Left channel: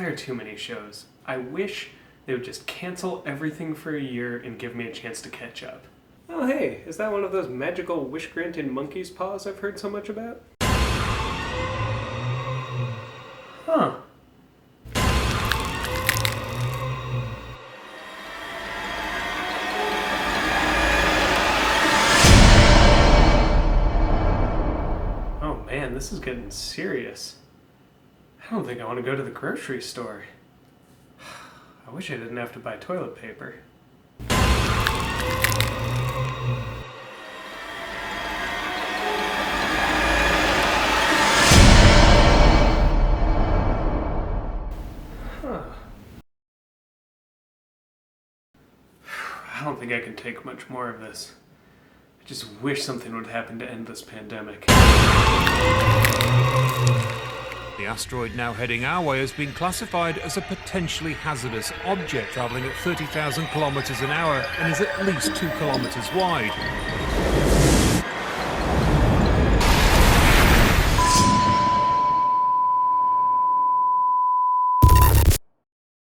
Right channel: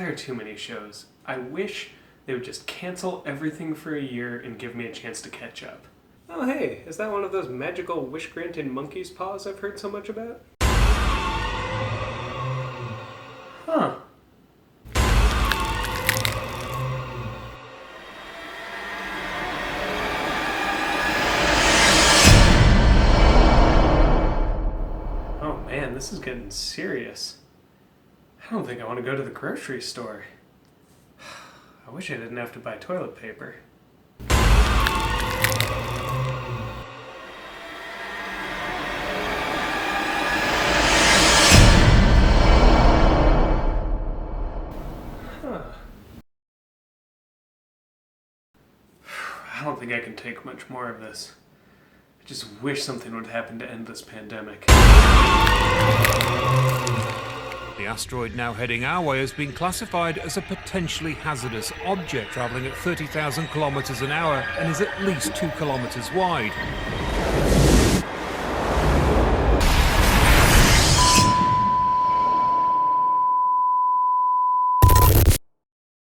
There are too many shows. I wish they would just cancel everything for a year and give me a chance to catch up. Oh hey, is that one of those magical wish-granting monkey's paws I've heard so much about? Huh. Oh man, this is getting serious. I don't think I want to go to the grocery store. I wish I didn't have to buy toilet paper. Huh. I don't think I can take much more of this. I just wish something would happen to end this pandemic. The asteroid now heading our way has been classified as a potentially hazardous object travelling at 30,000 kilometres an hour and is at least 2 kilometres wide.